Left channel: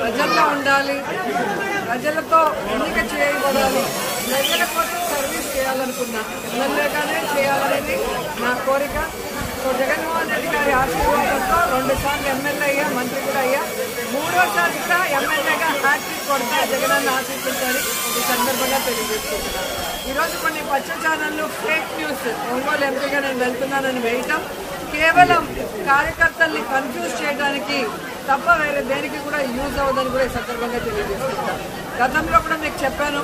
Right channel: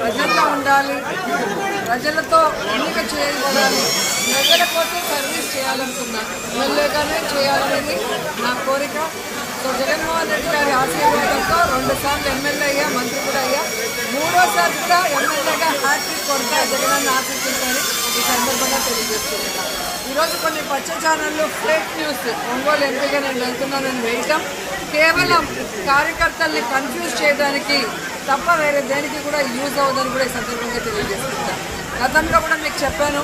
ప్రజల్లో ఉండాలి, ప్రజలతో ఎన్నిక చేయబడాలి, ప్రజల కోసం సర్వీస్ చేయాలనుకున్నా, ఎమ్మెల్యేగానే చేయాలనేది నా కోరిక. సో జగన్మోహన్ రెడ్డి గారి ఆశీర్వాదంతో 2 సార్లు ఎమ్మెల్యే అయ్యా, మంత్రి కూడా అయ్యా, 3వసారి కూడా ఎమ్మెల్యేగా హ్యాట్రిక్ కొడతా జగనన్న ఆశిస్తుందని ఈ సందర్భంగా తెలియజేస్తున్నాను. ఈరోజు కొన్ని పచ్చ ఛానళ్ళు ఫేక్ న్యూస్ ఒంగోలు ఎంపీగా నేను వెళ్తున్నానని వేయటం కేవలం కార్యకర్తల్ని కన్ఫ్యూజ్ చేయడానికి తప్ప వేరే దేనికి కూడా యూజ్ అవ్వదని కూడా ఈ సందర్భంగా తెలియజేస్తున్నాను. గతంలో కూడా మీకు చెప్పాను,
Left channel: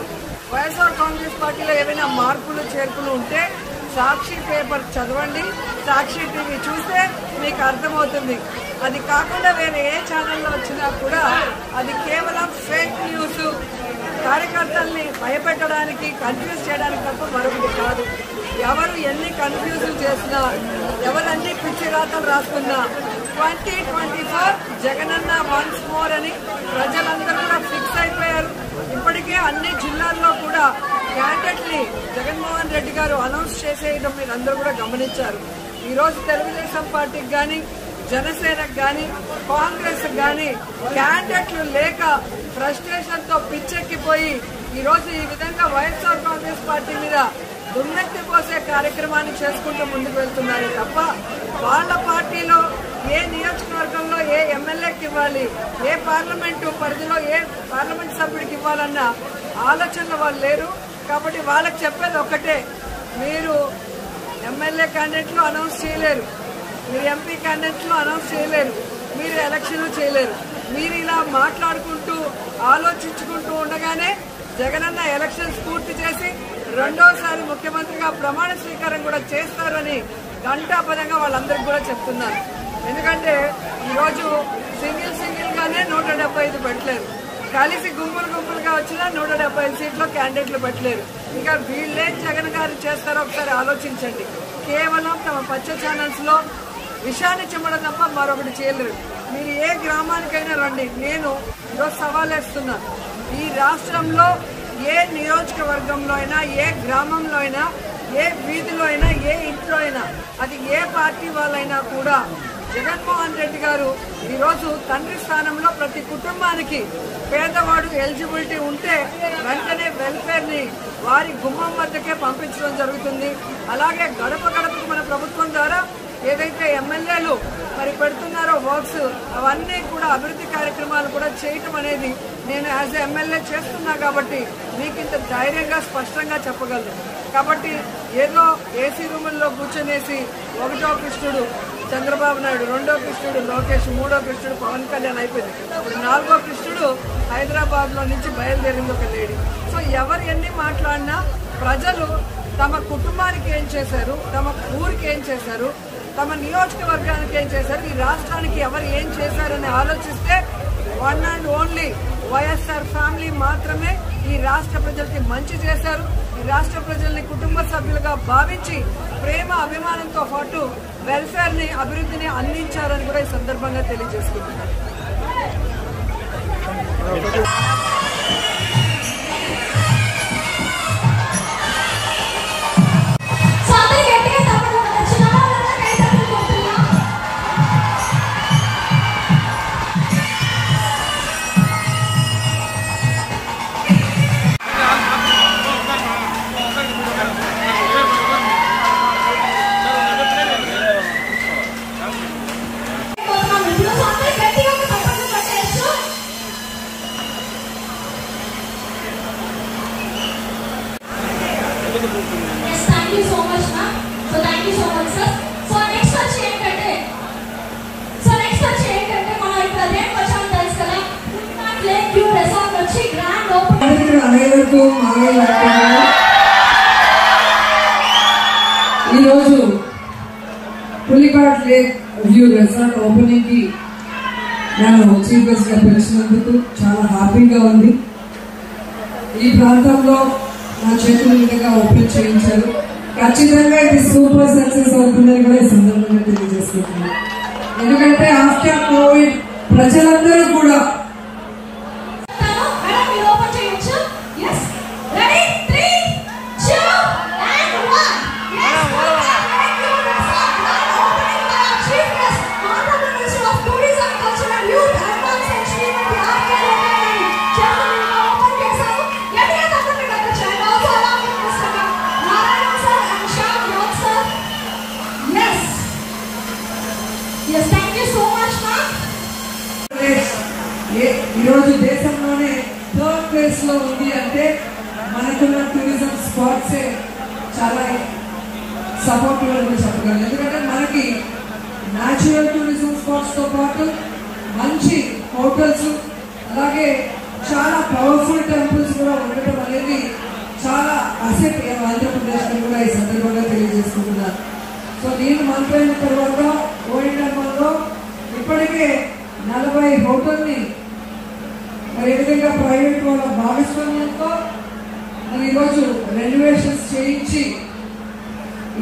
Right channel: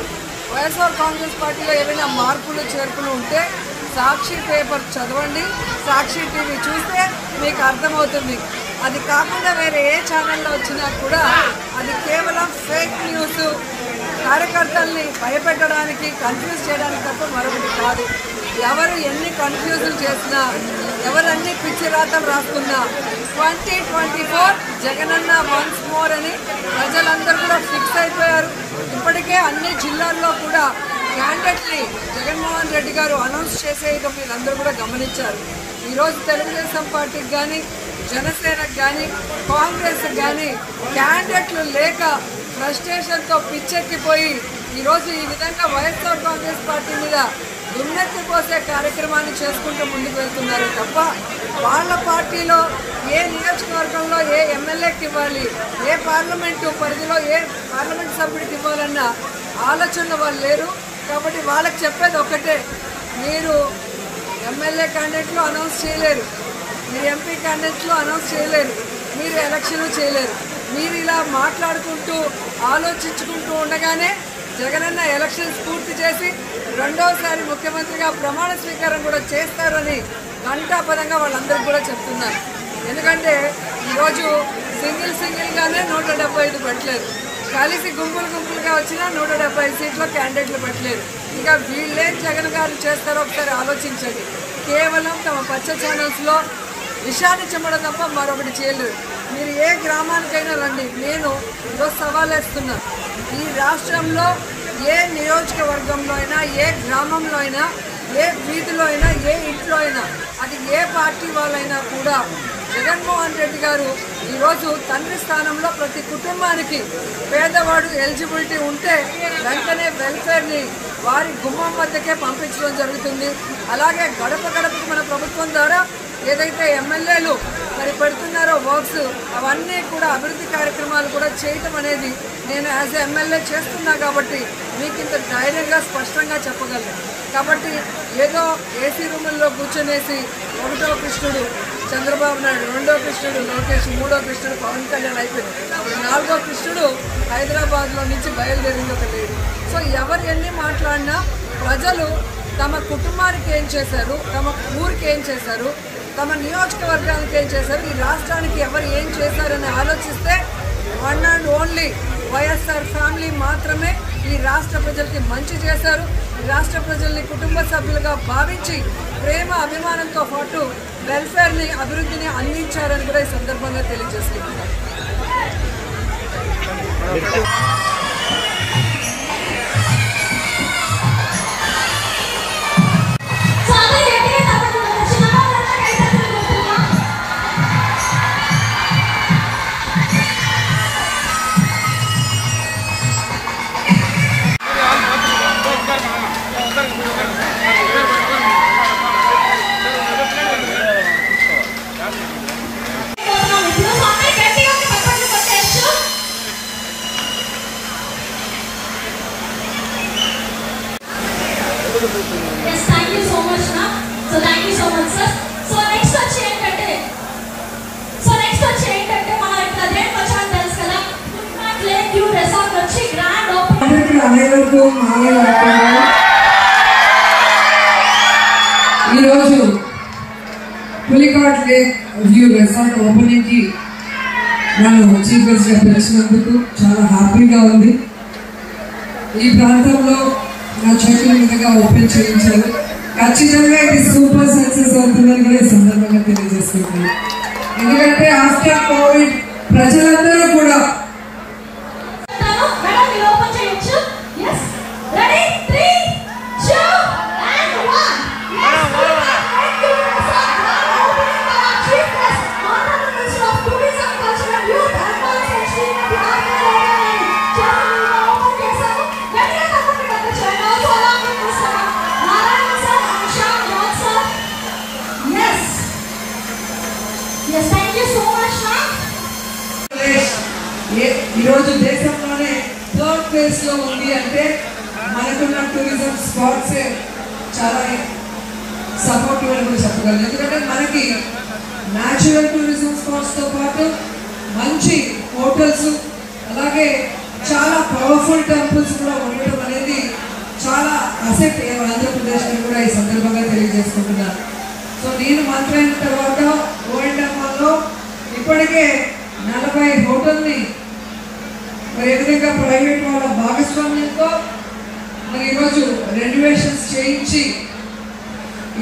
వైఎస్ఆర్ కాంగ్రెస్ పార్టీలో ఏమైనా మార్పులు చేర్పులు ఉంటే సాక్షి పేపర్ చదవండి, సాక్షి టీవీ చూస్తే మీకు అర్థమవుతుంది. అది కాకుండా వేరే ఏ ఛానల్లో వచ్చినా కూడా అది కేవలం ఫేక్ న్యూస్, కార్యకర్తల్ని భయపెట్టడానికి, కన్ఫ్యూజ్ చేయడానికి తప్ప మరొకటి కాదు. ఎవరు ఎన్ని కన్ఫ్యూజులు చేసినా, ఎవరన్నీ పిచ్చి రాతలు రాసుకున్నా 2024 జగనన్న వన్స్ మోర్ అని ప్రజలందరూ కూడా ఫిక్స్ అయిపోయారు. ఇప్పటికే అన్ని జిల్లాల్లో కూడా క్యాండిడేట్ని జగన్మోహన్ రెడ్డి గారు అనౌన్స్ చేసేయడం మీరు అందరూ కూడా గమనించారు. ఈరోజు తెలుగుదేశం పార్టీకి కానీ, జనసేనకు కానీ, కాంగ్రెస్కి కానీ క్యాండిడేట్లు లేక ఫ్రస్ట్రేషన్తో పిచ్చెక్కిపోయి ఈరోజు ఈ విధంగా వైఎస్ఆర్ కాంగ్రెస్ పార్టీ మీద దుమ్మెత్తి పోసే కార్యక్రమాన్ని చేసుకుంటూ ముందుకు వెళ్తున్నారు తప్ప వాళ్ళ పార్టీలో ఏ నియోజకవర్గంలో ఏ ఎమ్మెల్యేకి ఇవ్వాలి, ఏ పార్లమెంటు పరిధిలో ఏ పార్లమెంట్ సభ్యుడికి ఇవ్వాలన్న ఆలోచనలో వాళ్ళు లేరు. కాబట్టి వాళ్ళకి చెప్పేది ఒక్కటే, మీరు ఎమ్మెల్యే క్యాండిడేట్లు అనౌన్స్ చేయలేరు, మీరు ఎంపీ క్యాండిడేట్లు అనౌన్స్ చేయలేరు, మీరు ఎలక్షన్ చేయలేరు. మీరు ఇలా మాట్లాడుకుంటూ ఆలోచించుకుంటూ ఉండగానే జగనన్న ఎలక్షన్స్ పూర్తి చేసి 2వసారి ముఖ్యమంత్రిగా ప్రమాణ స్వీకారం కూడా చేస్తారని ఘంటాపదంగా వాళ్ళందరికీ కూడా చెప్తున్నారు. ఎందుకంటే ఈరోజు సింగిల్గానే 175 పెట్టలేరు, కలిసి గుంపులుగా వచ్చినా 175 సీట్లో క్యాండిడేట్లు పెట్టలేరు. ఇక వీళ్ళేం జగన్ గారు చేస్తారో ఒకసారి ఆలోచించండి. కేవలం తమ పచ్చ ఛానల్స్లో విషయాన్ని చెప్పడం తప్ప మరొకటి చేయలేరు. మీరు ఏ గ్రామానికైనా రండి, నేను ఈరోజు సవాల్ వేస్తున్నాను. ఈ రాష్ట్రంలో ఏ నియోజకవర్గంలో అయినా, ఏ గ్రామంలో అయినా, ఏ వీధిలో అయినా, ఏ ఇంట్లో అయినా, అది ఏ పార్టీ వాళ్ళైనా కూడా జగన్మోహన్ రెడ్డి గారు ఈరోజు తండ్రి స్థానంలో ప్రతి కుటుంబానికి పేదవాడు ఎలిజిబిలిటీ ఉంటే వెంటనే వెల్ఫేర్ని వారి గుమ్మం వద్దకే పంపించడం జరుగుతుంది. అలాగే గడప గడపకు మన ప్రభుత్వం ద్వారా ఏదైతే ఎమ్మెల్యేలు మరి పెడుతున్నారో వర్క్స్, అవన్నీ కూడా అభివృద్ధి కార్యక్రమాలు కూడా చేయటం అనేది నేను యాజ్ ఎమ్మెల్యే చేస్తున్నా కాబట్టి మీకు ఇంత ధైర్యంగా స్పష్టంగా చెప్పగలను. కాబట్టి ఏదో ఏసీ రూముల్లో కూర్చొనేసి 1వ కృష్ణుడు చంద్రబాబు నాయుడు, 2వ కృష్ణుడు లోకేష్, 3వ కృష్ణుడు పవన్ కళ్యాణ్ అయిపోయింది. ఇప్పుడు 4వ కృష్ణుడు హైదరాబాద్లో నుంచి బయలుదేరింది ఒక లేడీ. సో ఎవరు ఎన్ని మాట్లాడినా ప్రజలు తమ కుటుంబానికి ఏం చేశారు, తమ ఊరికి ఏం చేశారు, తమ నియోజకవర్గానికి ఏం చేశారు, ఈ రాష్ట్రానికి ఎవరు ఏం చేశారని ఆలోచిస్తే one and only YSR family మాత్రమే ఈ రాష్ట్ర ప్రజలకి మంచి చేశారు. ఈ రాష్ట్ర ప్రజల్ని కుటుంబ సభ్యులుగా భావించి ప్రేమ అభిమానంతో పాటు వెల్ఫేర్ని, అభివృద్ధిని అందించారని కూడా ఈ సందర్భంగా తెలియజేసుకుంటున్నాను. Yes, thank you so much, na. So thank you so much, sir. So next వచ్చి ఏంటంటే మనం ఇక్కడ దేనికి వచ్చామని తెలుసు కదా, ఫుట్‌పాత్ లేక్ వ్యూ రిసార్ట్ వచ్చి గ్రాండ్ ఓపెనింగ్. ఈరోజు Pulicat lake view resort opening కి నన్ను చీఫ్ గెస్ట్ గా పిలిచినందుకు చాలా హ్యాపీగా ఉంది. ఈ ప్రాంతంలో నా చేతుల మీదుగా ఓపెన్ చేయించారు. ఖచ్చితంగా ఇది సూపర్ సక్సెస్ అవుతుందని కూడా ఈ సందర్భంగా తెలియజేస్తున్నాను. ఎందుకంటే ఆఫ్టర్ కోవిడ్ ప్రజలందరూ కూడా ఓపెన్ చేయొచ్చు. yes ready 3 మనకున్న టూరిజం స్పాట్స్ చాలా సపోర్టివ్ అని చెప్పగలను. ఎందుకంటే మనకి న్యాచురల్ టూరిజం స్పాట్స్ తో పాటు మంచి హోటల్స్ అలాగే చాలా పవర్ఫుల్ టెంపుల్స్ కూడా ఉండటం అనేది చాలా అసెట్ ఆంధ్రప్రదేశ్ లో కూడా ఈ సందర్భంగా తెలియజేసుకుంటున్నాను. సో నేను మంత్రి అయిన తర్వాత ఓఎండ్ఎంలో ఇప్పటికే 40 హోటల్ని మరి ఏ విధంగా ప్రైవేట్ వాళ్ళ భాగస్వామ్యంతో మరి ఈరోజు రెనోవేషన్స్ చేయించి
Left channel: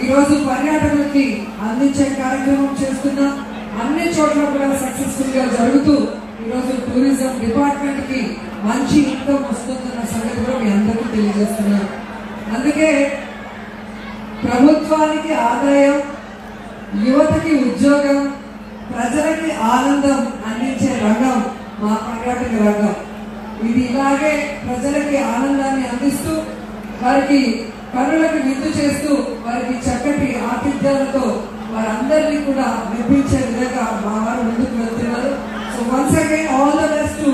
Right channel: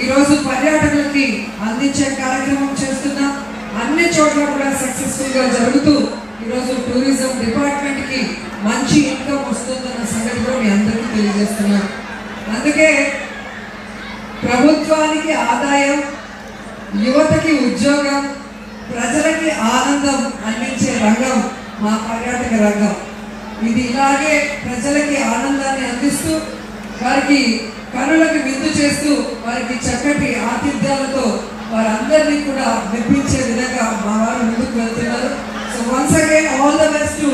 ఈరోజు పర్యాటకులకి అందించే కార్యక్రమం చేస్తున్నాం. అన్ని చోట్ల కూడా సక్సెస్ఫుల్ గా జరుగుతూ ఈరోజు టూరిజం డిపార్ట్మెంట్ కి మంచి ఇన్కమ్ వస్తుందన్న సంగతి కూడా మీ అందరికీ తెలియజేస్తున్నాను. అందుకే ప్రభుత్వానికి ఆదాయం, యువతకి ఉద్యోగం, ప్రజలకి ఆనందం అందించే రంగం మా పర్యాటక రంగం. ఇది ఇలాగే ప్రజలకి ఆనందాన్ని అందిస్తూ వారికి కనులకు విందు చేస్తూ వారికి చక్కటి ఆతిథ్యాలతో వారందరినీ కూడా మెప్పించే విధంగా మా వారు ముందుకు వెళ్తున్నారు. So once again all the best to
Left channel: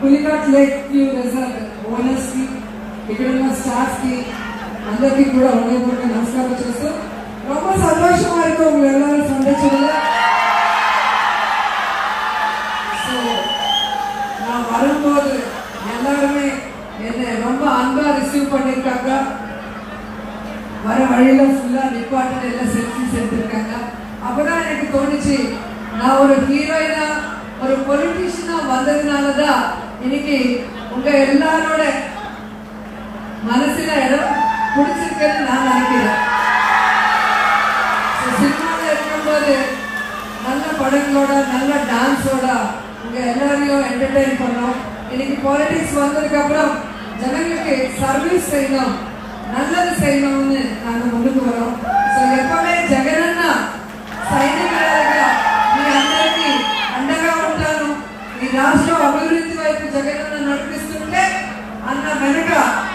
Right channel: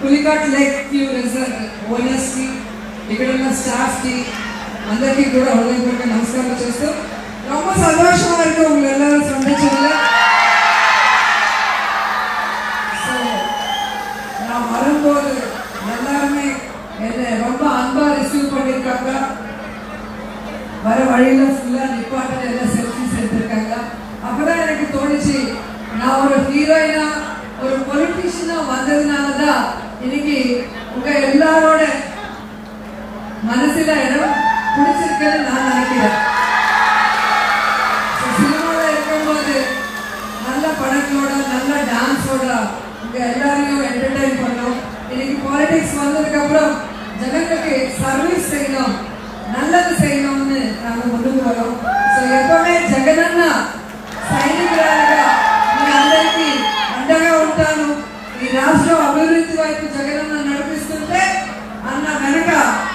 Pulicat lake view resort owners కి, ఇక్కడ ఉన్న స్టాఫ్ కి అందరికీ కూడా హృదయపూర్వక నమస్కారం చేస్తూ ரொம்ப சந்தோஷமா இருக்கு உங்களை எல்லாரும் சந்திச்சதுல. ஸோ நான் வரும்போது எல்லாருமே என்னை ரொம்ப அன்பா ரிசீவ் பண்ணியிருக்காங்க. வர வழியில ஃபுல்லா நிப்பாட்டு எல்லாம் செல்ஃபிஸ் எடுத்திருக்காங்க. அப்பதான் எனக்கு தோணுச்சு, நான் ஒரு ஹீரோயினா ஒரு பொலிட்டீஷியனா வந்ததுனாலதான் இன்னைக்கு உங்க எல்லாரோட மனசுல இடம் பிடிச்சிருக்குன்னு நான் நினைக்கிறேன். சினிமாவில் இருக்கும்போது நல்ல படங்களோட நல்ல டான்ஸோட உங்க எல்லாரையும் என்டர்டெயின் பண்ணணும். இன்னைக்கு பாலிடிக்ஸ் வந்ததுக்கு அப்புறம் ஜனங்களுக்கு சர்வீஸ் செய்யணும், நல்லது செய்யணும்னு நாங்க ముందుకు వరం. సో எப்பவுமே జగనన్న సైనికురాలుగా మీ అందరికీ అండగా ఉంటాను. ఈ రాష్ట్రం అభివృద్ధి వైపు జగనన్న నడిపిస్తుంటే అన్న వెనుక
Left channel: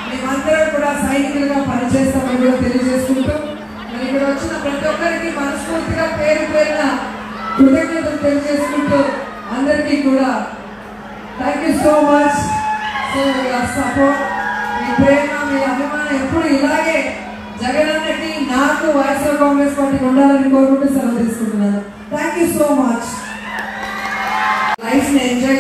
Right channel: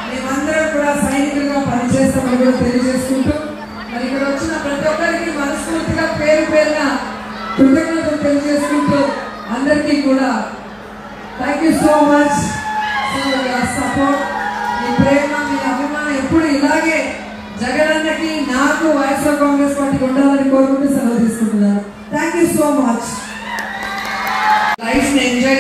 మేమందరం కూడా సైనికులుగా పనిచేస్తామని కూడా తెలియజేసుకుంటూ మరి ఇక్కడ వచ్చిన ప్రతి ఒక్కరికి మనస్ఫూర్తిగా పేరు పేరున కృతజ్ఞతలు తెలియజేసుకుంటూ అందరికీ కూడా thank you so much for your support. మీ ప్రేమ, మీ అభిమానం ఎప్పుడు ఇలాగే జగనన్నకి నాకు వైఎస్ఆర్ కాంగ్రెస్ పార్టీకి ఉండాలని కోరుకుంటూ సెలవు తీసుకుంటున్నాను. Thank you so much. Life ని ఎంజాయ్